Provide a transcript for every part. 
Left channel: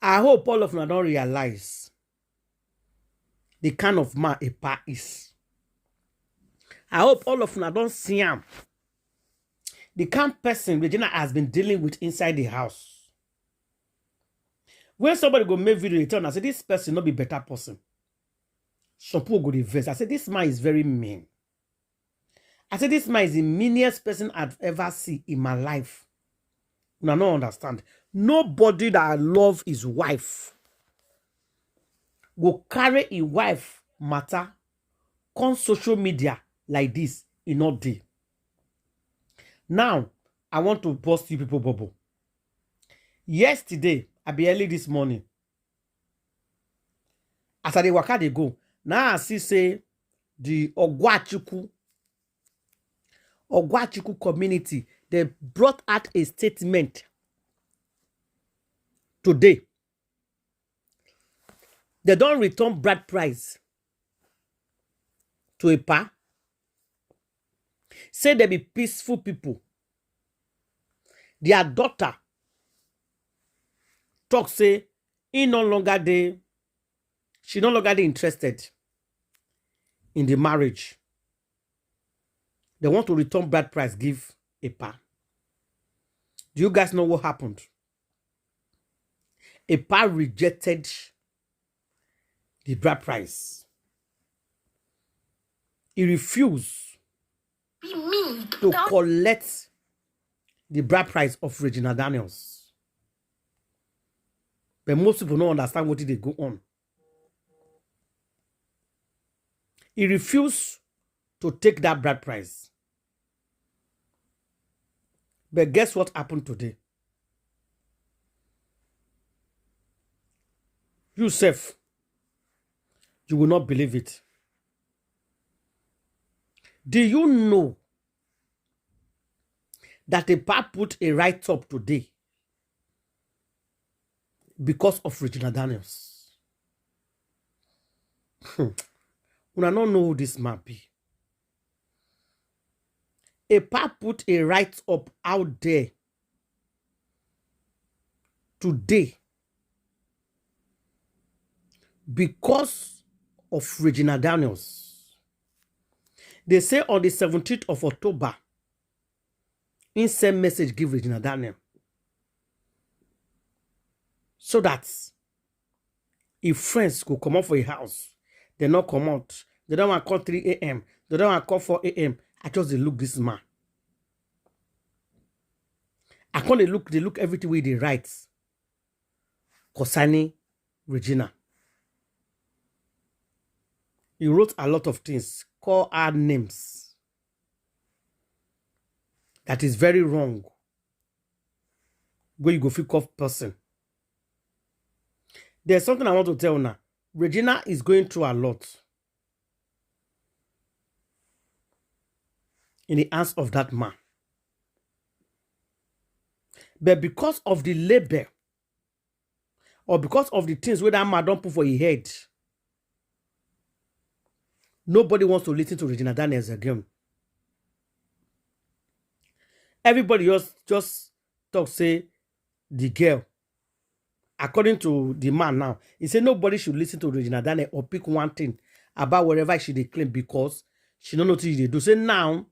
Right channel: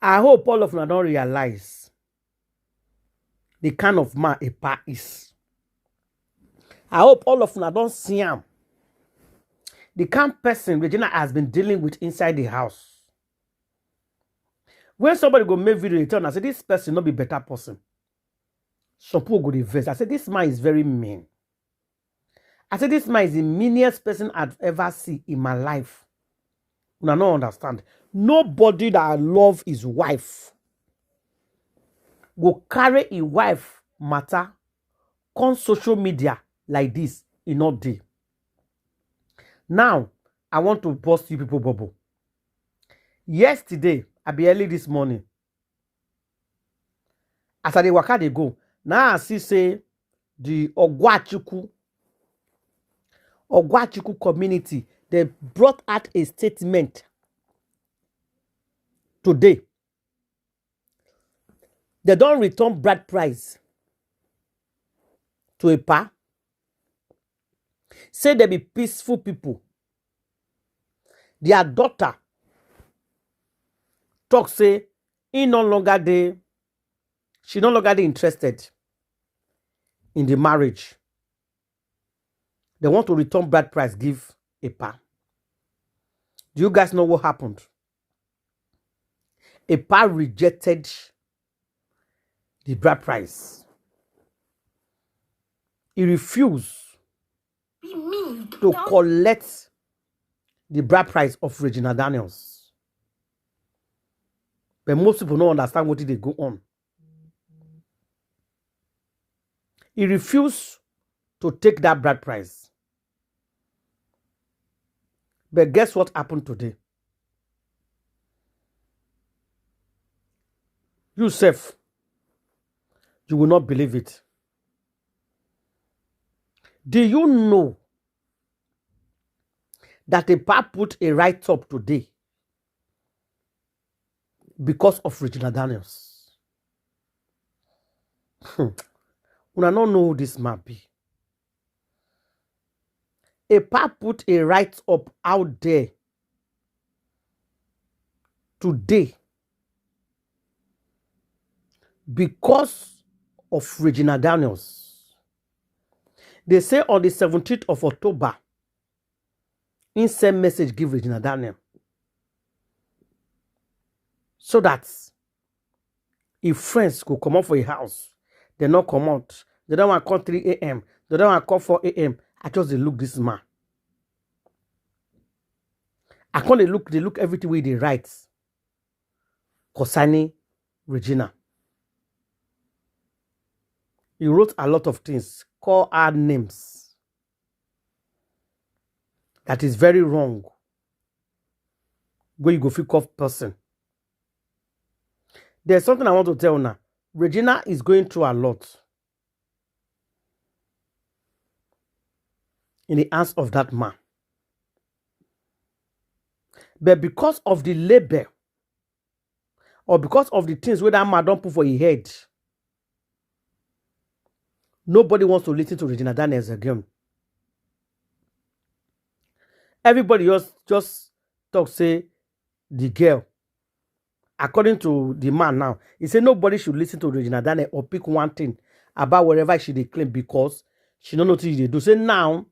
I hope all of you don't realize the kind of man a pa is. I hope all of you don't see him. The kind of person Regina has been dealing with inside the house. When somebody go make video return, I say this person not be better person. Some people go reverse. I say this man is very mean. I say this man is the meanest person I've ever seen in my life. I don't understand. Nobody that I love his wife will carry a wife matter on social media like this in all day. Now, I want to bust you people bubble. Yesterday, I be early this morning. As I dey waka dey go, now I see say the Ogwachuku community, they brought out a statement today. They don't return bride price to a pa. Say they be peaceful people. Their daughter talk say she no longer interested in the marriage. They want to return bride price, give a pa. Do you guys know what happened? A pa rejected the bride price. He refused to collect the bride price of Regina Daniels. But most people don't understand what they go on. He refused to take that bride price. But guess what happened today? Yourself, you will not believe it. Do you know that a pa put a write-up today because of Regina Daniels? Una don't know who this man be. A pa put a write-up out there today because of Regina Daniels. They say on the 17th of October, in same message give Regina Daniel. So that if friends go come out for a house, they not come out. They don't want to call 3 a.m. They don't want to call 4 a.m. I just they look this man. I can't they look everything way they write concerning Regina. He wrote a lot of things, call her names. That is very wrong. Where you go feel off person. There's something I want to tell you now. Regina is going through a lot in the hands of that man. But because of the label, or because of the things where that man don't put for his head, nobody wants to listen to Regina Daniels again. Everybody just talk, say, the girl. According to the man now, he said nobody should listen to Regina Daniels or pick one thing about whatever she they claim because she don't know what they do. Say now,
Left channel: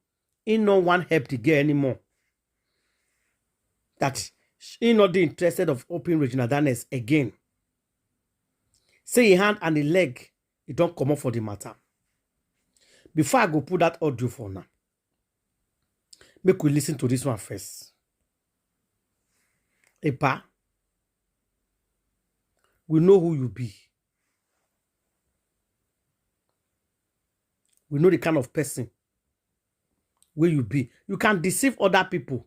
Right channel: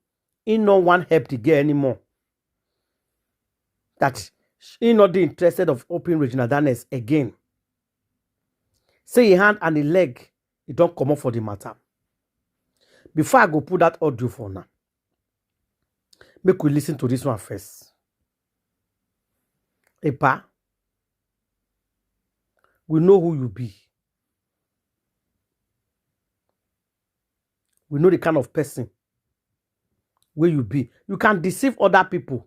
he no one help the girl anymore. That he not interested of opening Regina Daniels again. Say a hand and a leg, it don't come up for the matter. Before I go put that audio for now, make we listen to this one first. Epa, we know who you be. We know the kind of person where you be. You can deceive other people,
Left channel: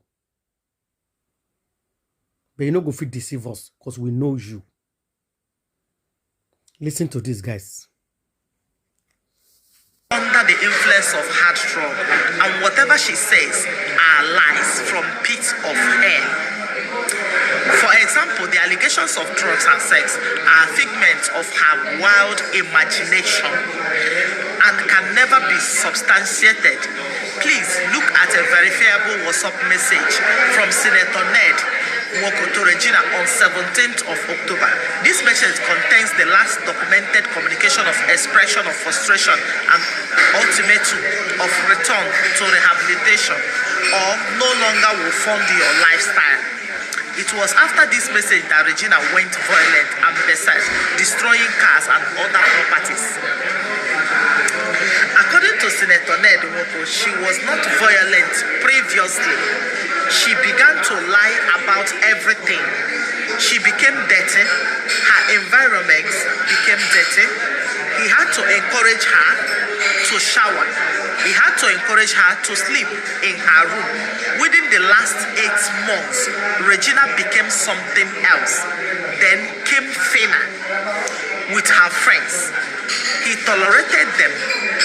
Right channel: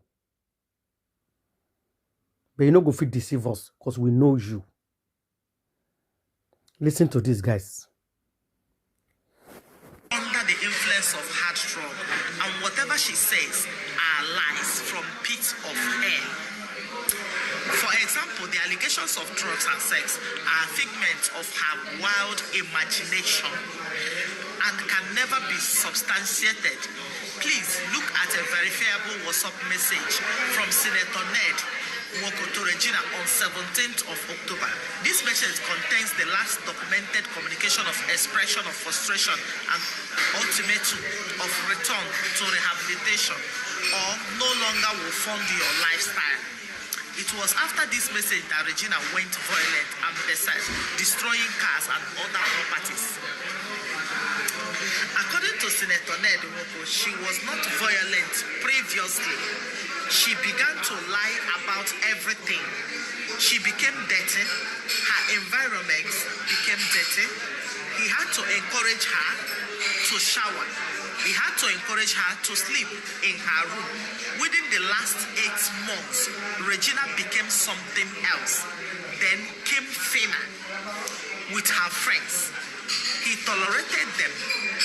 but you no go fit deceive us because we know you. Listen to this, guys. Under the influence of hard drug, and whatever she says are lies from pits of hell. For example, the allegations of drugs and sex are figments of her wild imagination and can never be substantiated. Please look at a verifiable WhatsApp message from Senator Ned Nwoko to Regina on 17th of October. This message contains the last documented communication of expression of frustration and ultimatum of return to rehabilitation or no longer will fund your lifestyle. It was after this message that Regina went violent and berserk, destroying cars and other properties. According to Senator Nwoko, she was not violent previously. She began to lie about everything. She became dirty. Her environment became dirty. He had to encourage her to shower. He had to encourage her to sleep in her room. Within the last 8 months, Regina became something else. Then came Fina with her friends. He tolerated them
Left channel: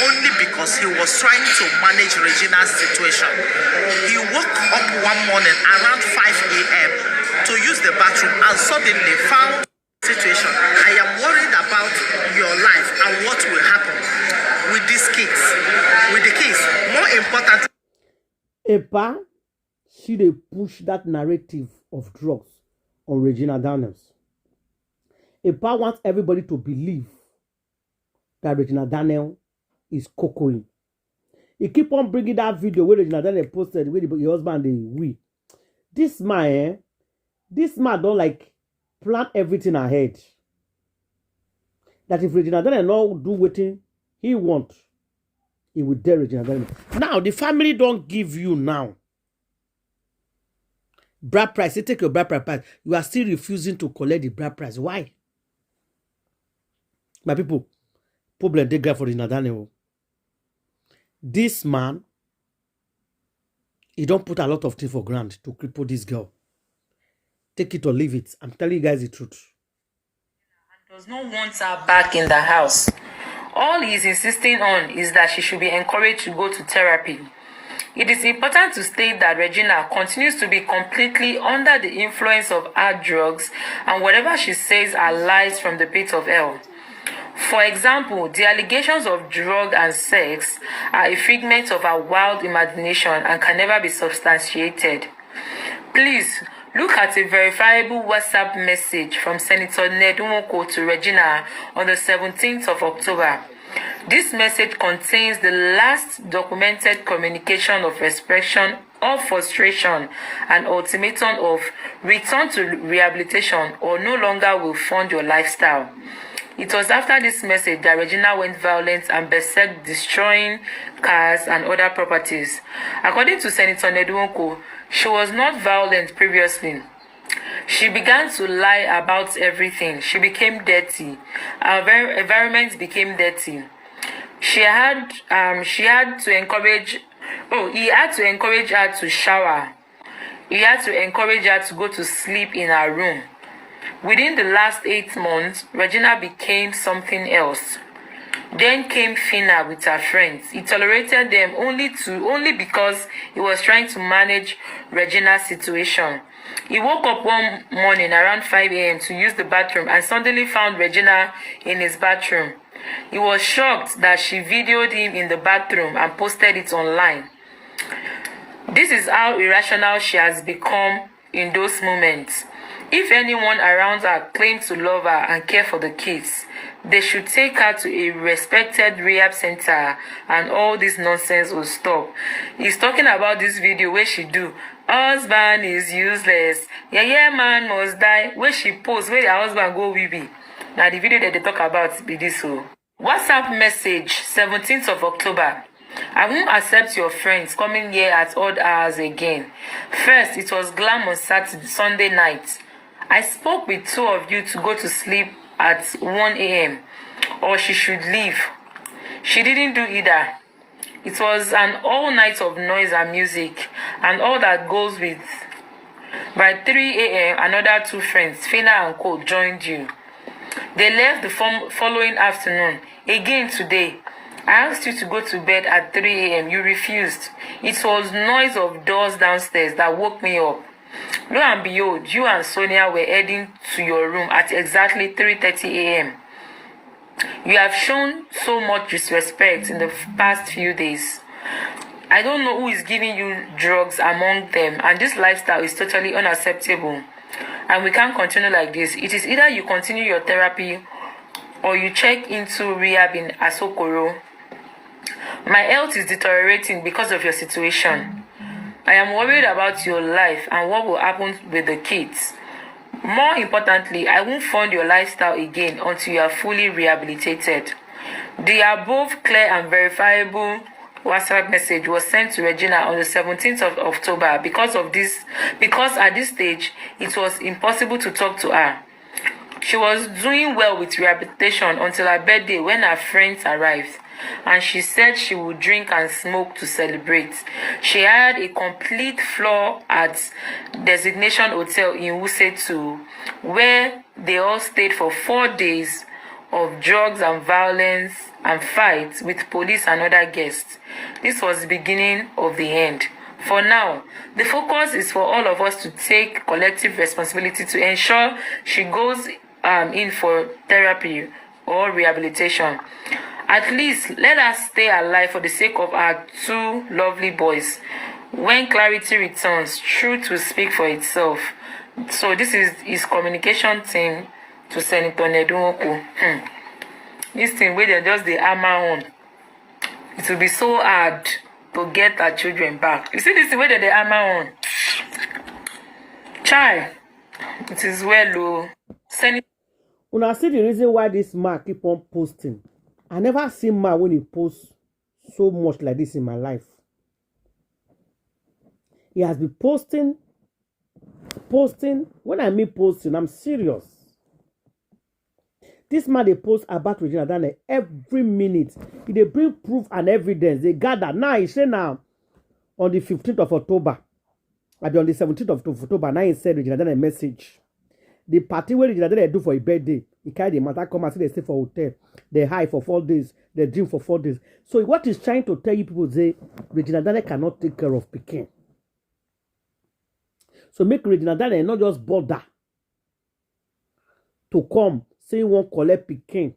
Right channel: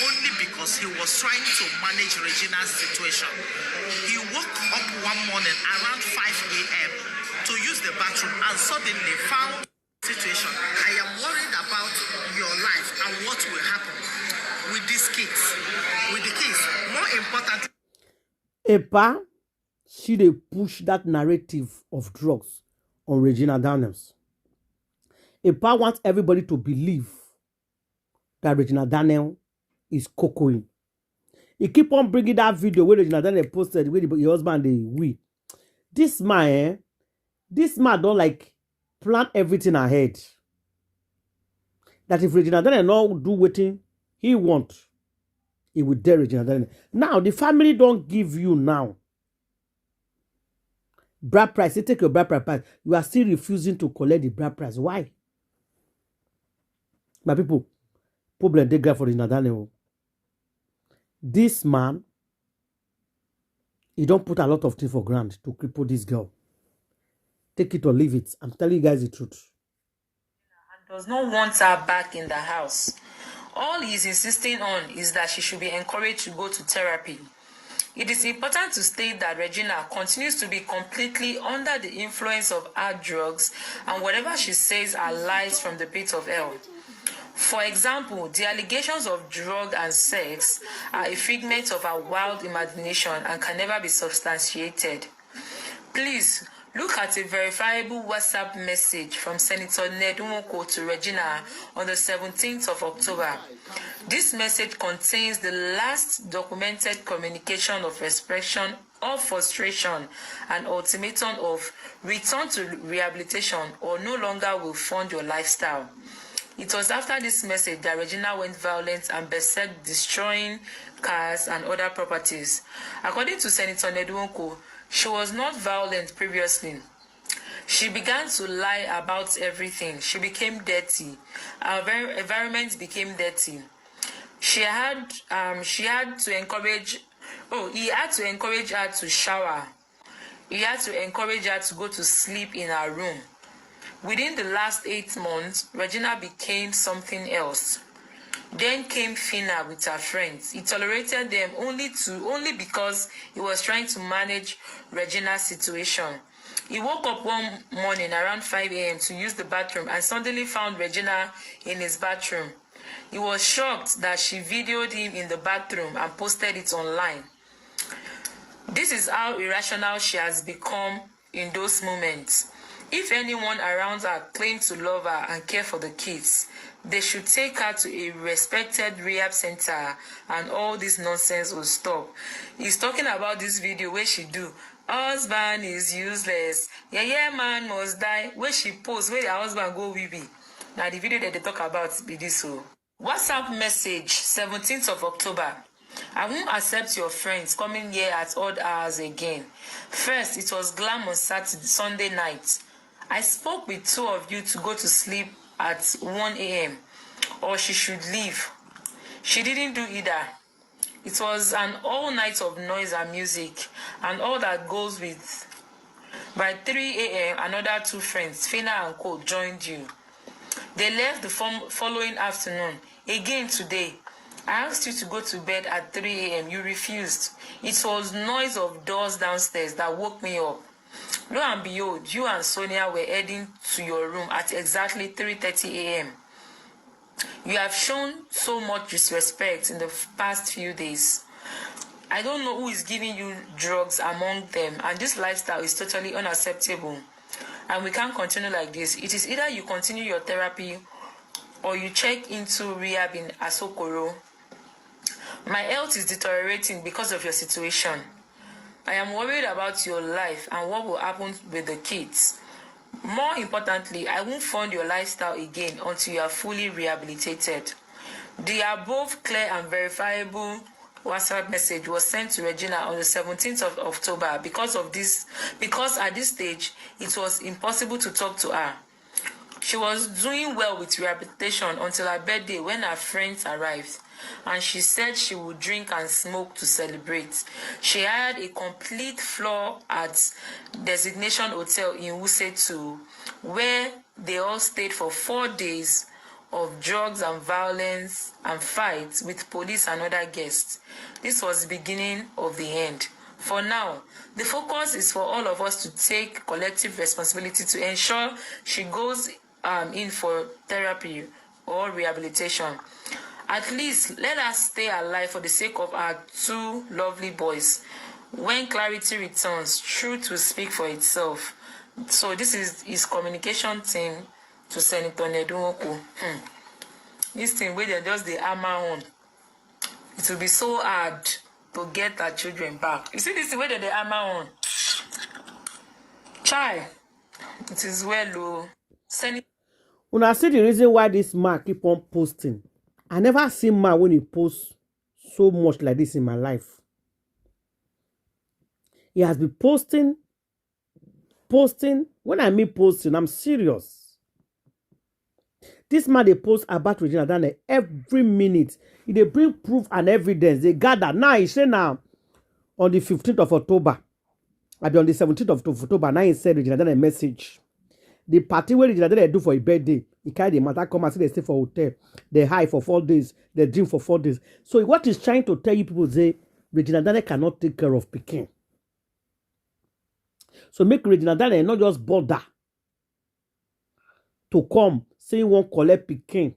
only because he was trying to manage Regina's situation. He woke up one morning around 5 a.m. to use the bathroom and suddenly found situation. I am worried about your life and what will happen with these kids. With the kids, more important. Epa, she dey push that narrative of drugs on Regina Daniels. Epa wants everybody to believe that Regina Daniel is cocoing. He keep on bringing that video where Regina Daniel posted with your husband we. This man don't like plan everything ahead. That if Regina Daniel not do what he want, he will dare Regina Daniel. Now the family don't give you now bride price. They take your bride price. You are still refusing to collect the bride price. Why? My people, problem they get for Regina Daniel. This man, he don't put a lot of things for granted to cripple this girl. Take it or leave it. I'm telling you guys the truth. And does not want her back in the house. All he is insisting on is that she should be encouraged to go to therapy. It is important to state that Regina continues to be completely under the influence of hard drugs, and whatever she says are lies from the pit of hell. For example, the allegations of drug and sex are a figment of her wild imagination and can never be substantiated. Please look at a verifiable WhatsApp message from Senator Nwoko to Regina on the 17th of October. This message contains the last documented communication of expression of frustration and ultimatum of return to rehabilitation or no longer will fund your lifestyle. It was after this message that Regina went violent and berserk, destroying cars and other properties. According to Senator Nwoko, she was not violent previously. She began to lie about everything. She became dirty. Our environment became dirty. He had to encourage her to shower. He had to encourage her to go to sleep in her room. Within the last 8 months, Regina became something else. Then came Fina with her friends. He tolerated them only because he was trying to manage Regina's situation. He woke up one morning around 5 a.m. to use the bathroom and suddenly found Regina in his bathroom. He was shocked that she videoed him in the bathroom and posted it online. This is how irrational she has become in those moments. If anyone around her claims to love her and care for the kids, they should take her to a respected rehab center and all this nonsense will stop. He's talking about this video where she do, husband is useless, yeah man must die, where she post, where her husband go wee. Now the video that they talk about be this. So WhatsApp message 17th of October. I won't accept your friends coming here at odd hours again. First, it was glam on Sunday night. I spoke with 2 of you to go to sleep at 1 a.m. or she should leave. She didn't do either. It was an all night of noise and music and all that goes with. By 3 a.m., another 2 friends, Fina and Co, joined you. They left the following afternoon. Again today, I asked you to go to bed at 3 a.m. You refused. It was noise of doors downstairs that woke me up. Lo and behold, you and Sonia were heading to your room at exactly 3:30 a.m. You have shown so much disrespect in the past few days. I don't know who is giving you drugs among them, and this lifestyle is totally unacceptable. and we can't continue like this. It is either you continue your therapy or you check into rehab in Asokoro. My health is deteriorating because of your situation. I am worried about your life and what will happen with the kids. More importantly, I won't fund your lifestyle again until you are fully rehabilitated. The above clear and verifiable WhatsApp message was sent to Regina on the 17th of October because at this stage it was impossible to talk to her. She was doing well with rehabilitation until her birthday when her friends arrived, and she said she would drink and smoke to celebrate. She hired a complete floor at Designation Hotel in Wuse, where they all stayed for 4 days of drugs and violence and fights with police and other guests. This was the beginning of the end. For now, the focus is for all of us to take collective responsibility to ensure she goes in for therapy or rehabilitation. At least let us stay alive for the sake of our 2 lovely boys. When clarity returns, truth will speak for itself. So this is his communication team to Senator Nwoko. This thing where they just the hammer on. It will be so hard to get our children back. You see this way that they hammer on. Child, it is well, oh. Senator. When I see the reason why this man keep on posting, I never see man when he posts so much like this in my life. He has been posting. When I mean posting, I'm serious. This man they post about Regina Dane every minute. They bring proof and evidence. They gather. Now he say now on the 15th of October, maybe on the 17th of October, now he said Regina Dane a message. The party where Regina Dane do for a birthday, he carry the matter come and say they stay for hotel. They hide for 4 days. They drink for 4 days. So what he's trying to tell you people say Regina Dane cannot take care of Pekin. So make Regina Dane not just bother to come saying won't collect Pekin.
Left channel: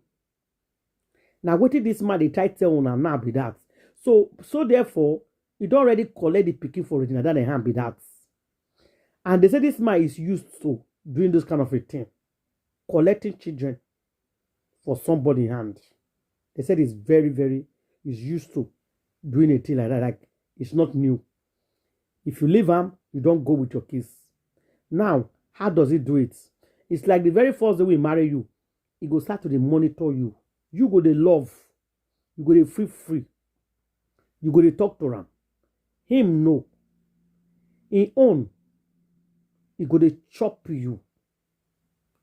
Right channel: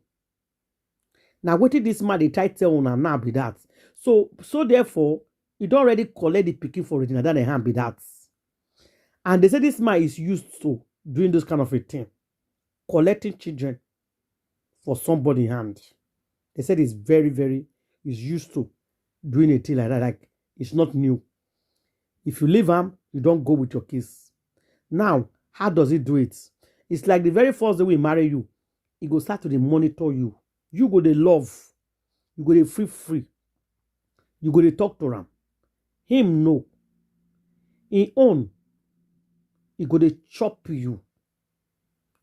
Now what did this man they try tell on now be that? So therefore, he don't already collect the Pekin for Regina Dane and be that. And they say this man is used to doing this kind of a thing. Collecting children for somebody's hand. They said it's very, he's used to doing a thing like that. Like, it's not new. If you leave him, you don't go with your kids. Now, how does he do it? It's like the very first day we marry you, he go start to monitor you. You go to love. You go to free. You go to talk to him. Him no. He own. He go to chop you.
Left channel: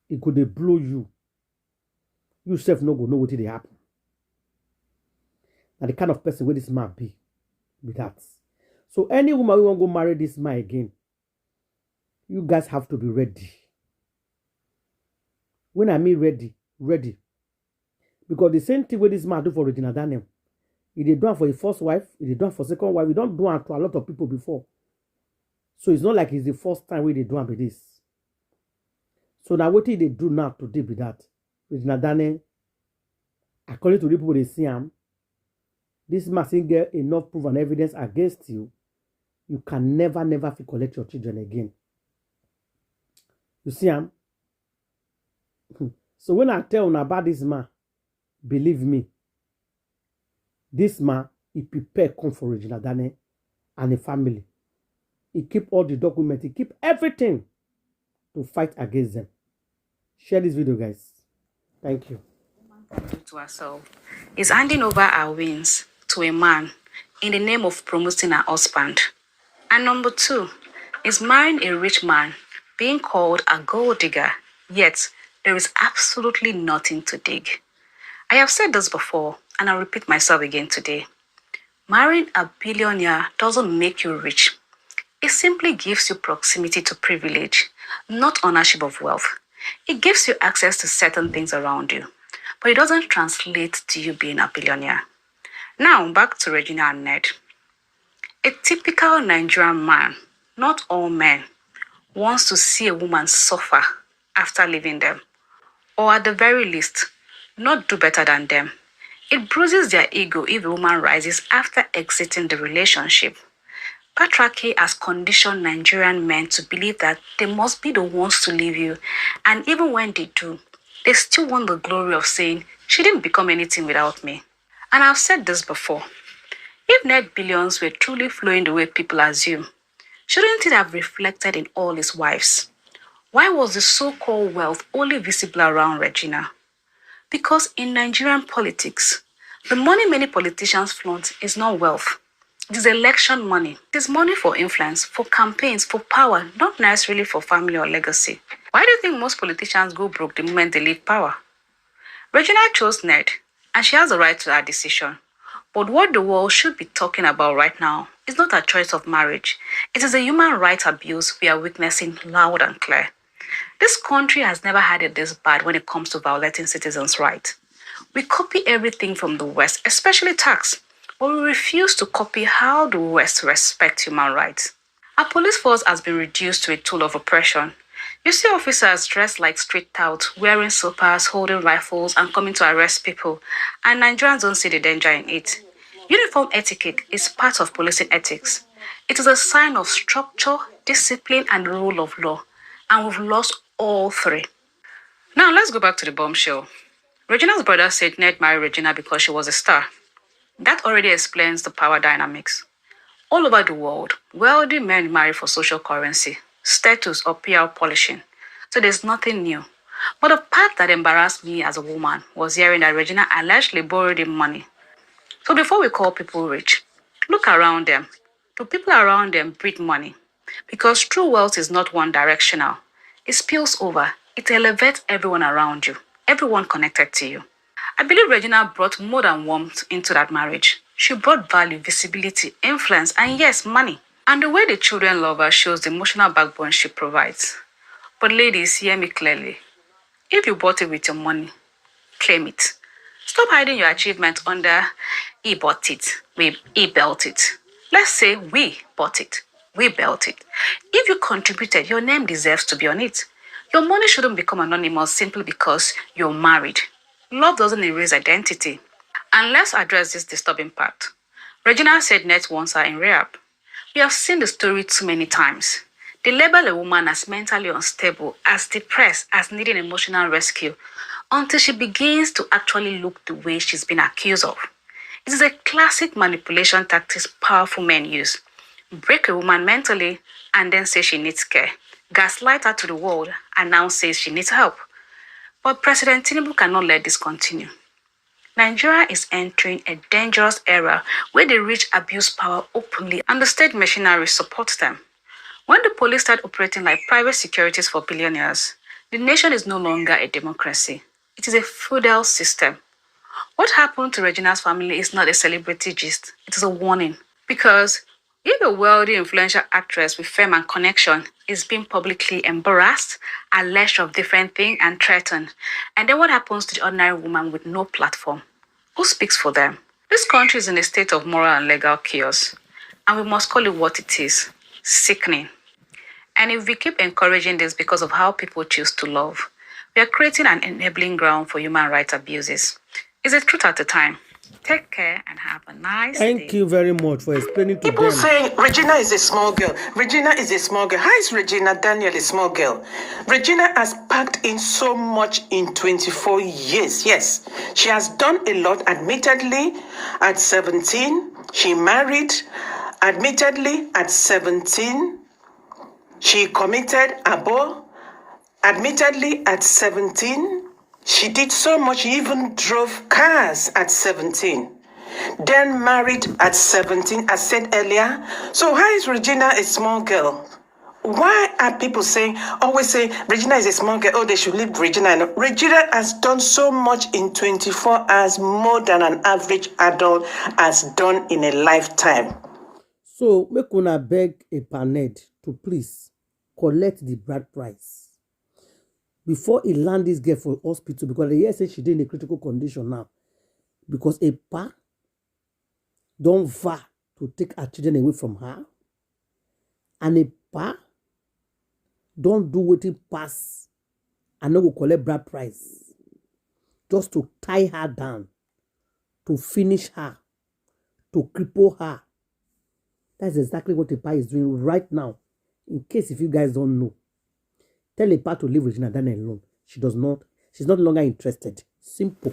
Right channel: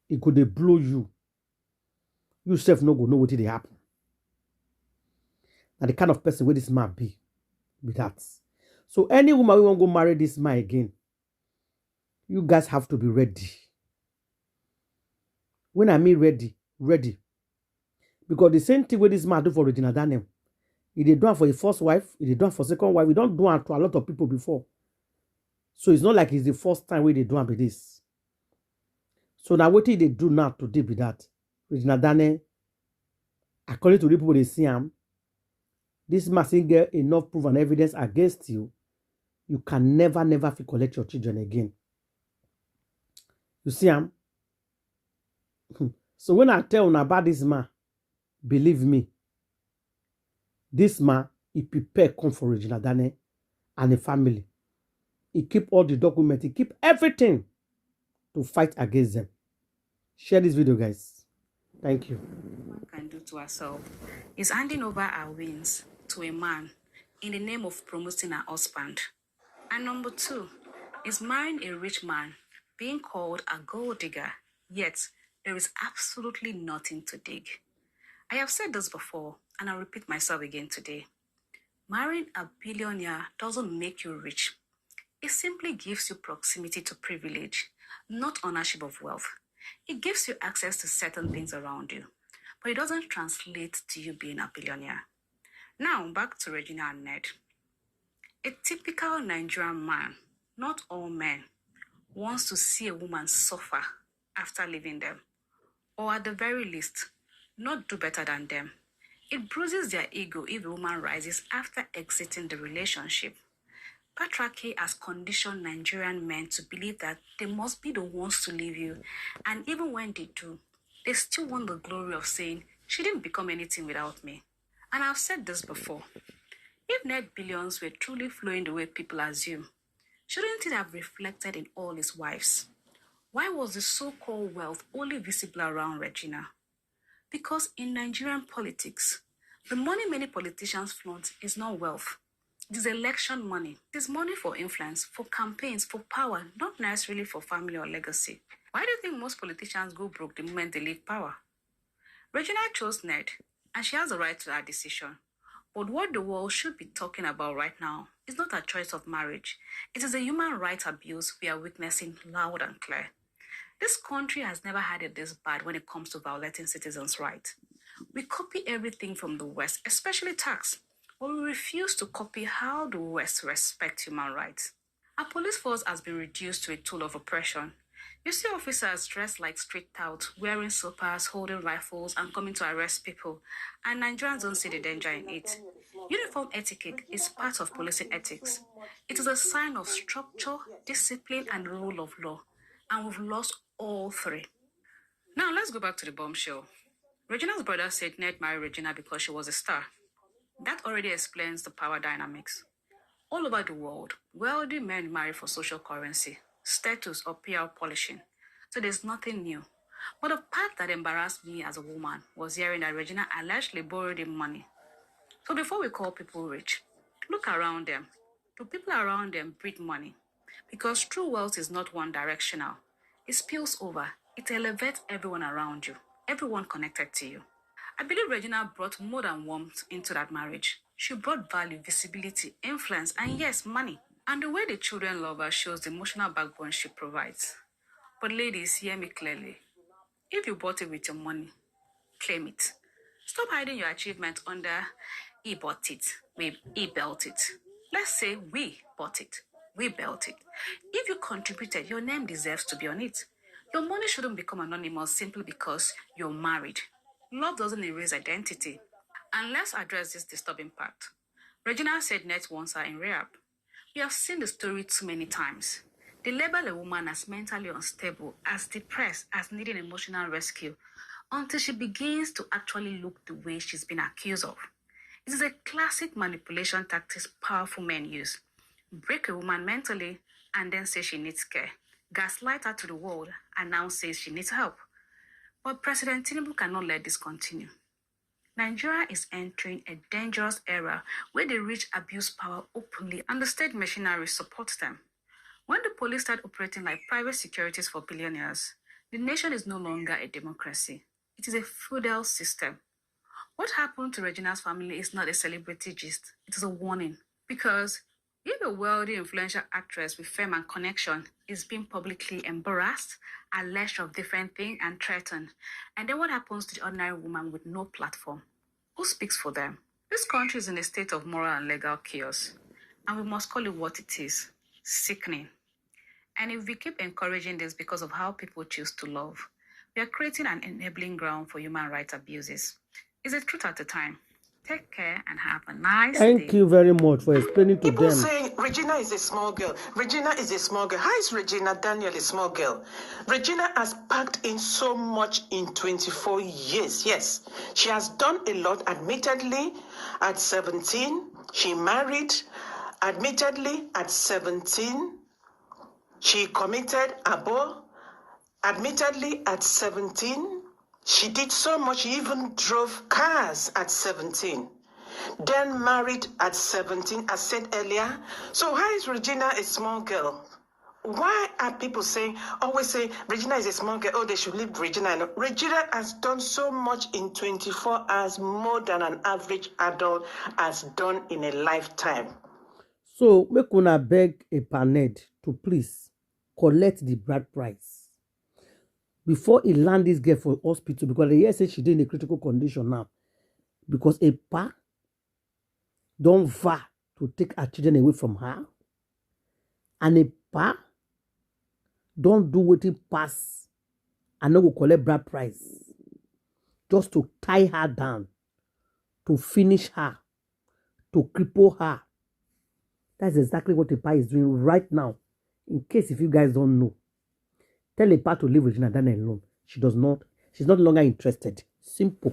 He go to blow you. You self no go know what did happen. And the kind of person where this man be with that. So any woman who won't go marry this man again, you guys have to be ready. When I mean ready. Because the same thing where this man do for Regina Dane, he did do it for the first wife, he did do it for second wife. We don't do it to a lot of people before. So it's not like it's the first time where they do it with this. So now what did they do now today with that? Regina Dane, according to the people they see him, this mustn't get enough proof and evidence against you. You can never collect your children again. You see him? So when I tell you about this man, believe me, this man, he prepared come for Regina Dane and the family. He keep all the documents, he keep everything to fight against them. Share this video, guys. Thank you. One can do to herself is handing over our wins to a man in the name of promoting her husband. And number 2 is marrying a rich man, being called a gold digger, yet there is absolutely nothing to dig. I have said this before, and I'll repeat myself again today. Marrying a billionaire doesn't make you rich. It simply gives you proximity to privilege, not ownership of wealth. It gives you access to certain things around you, but it doesn't translate to you being a billionaire. Now, back to Regina and Ned. A typical Nigerian man, not all men, wants to see a woman suffer after leaving them, or at the very least, not do better than them. It bruises their ego if a woman rises after exiting the relationship. Patriarchy has conditioned Nigerian men to believe that they must be the ones to leave you, and even when they do, they still want the glory of saying, she didn't become anything without me. And I've said this before. If net billions were truly flowing the way people assume, shouldn't it have reflected in all his wives? Why was the so-called wealth only visible around Regina? Because in Nigerian politics, the money many politicians flaunt is not wealth. It is election money. It is money for influence, for campaigns, for power, not necessarily for family or legacy. Why do you think most politicians go broke the moment they leave power? Regina chose Ned, and she has a right to that decision. But what the world should be talking about right now is not a choice of marriage. It is a human rights abuse we are witnessing loud and clear. This country has never had it this bad when it comes to violating citizens' rights. We copy everything from the West, especially tax, but we refuse to copy how the West respects human rights. Our police force has been reduced to a tool of oppression. You see officers dressed like street touts, wearing slippers, holding rifles, and coming to arrest people, and Nigerians don't see the danger in it. Uniform etiquette is part of policing ethics. It is a sign of structure, discipline, and rule of law, and we've lost all three. Now let's go back to the bombshell. Regina's brother said Ned married Regina because she was a star. That already explains the power dynamics. All over the world, wealthy men marry for social currency, status, or PR polishing. So there's nothing new. But the part that embarrassed me as a woman was hearing that Regina allegedly borrowed him money. So before we call people rich, look around them. Do people around them breed money? Because true wealth is not one directional. It spills over. It elevates everyone around you, everyone connected to you. I believe Regina brought more than warmth into that marriage. She brought value, visibility, influence, and yes, money. And the way the children love her shows the emotional backbone she provides. But ladies, hear me clearly. If you bought it with your money, claim it. Stop hiding your achievement under he bought it, he built it. Let's say we bought it, we built it. If you contributed, your name deserves to be on it. Your money shouldn't become anonymous simply because you're married. Love doesn't erase identity. And let's address this disturbing part. Regina said Net wants her in rehab. We have seen the story too many times. They label a woman as mentally unstable, as depressed, as needing emotional rescue, until she begins to actually look the way she's been accused of. It is a classic manipulation tactic powerful men use. Break a woman mentally and then say she needs care. Gaslight her to the world and now says she needs help. But President Tinubu cannot let this continue. Nigeria is entering a dangerous era where the rich abuse power openly and the state machinery supports them. When the police start operating like private securities for billionaires, the nation is no longer a democracy. It is a feudal system. What happened to Regina's family is not a celebrity gist. It is a warning. Because if a wealthy, influential actress with fame and connection is being publicly embarrassed, alleged of different things, and threatened, and then what happens to the ordinary woman with no platform? Who speaks for them? This country is in a state of moral and legal chaos, and we must call it what it is: sickening. And if we keep encouraging this because of how people choose to love, we are creating an enabling ground for human rights abuses. Is it truth at the time? Take care and have a nice day. Thank you very much for explaining to People them. saying Regina is a small girl. Regina is a small girl. How is Regina Daniel a small girl? Regina has packed in so much in 24 years. Yes, she has done a lot. Admittedly, at 17, she married. Admittedly, at 17, she committed abortion. Admittedly, at 17, she did so much. She even drove cars at 17. Then married at 17, as said earlier. So how is Regina a small girl? Why are people always saying, Regina is a small girl, oh, they should leave Regina? Regina has done so much in 24 hours, more than an average adult has done in a lifetime. So, make una beg a paned to please collect the bride price before he land this girl for hospital, because the year say she did in a critical condition now. Because a pa don't vow to take her children away from her, and a pa don't do what it pass and no go collect bride price just to tie her down, to finish her, to cripple her. That's exactly what Epa is doing right now. In case if you guys don't know, tell Epa to leave Regina Daniel alone. She's no longer interested. Simple.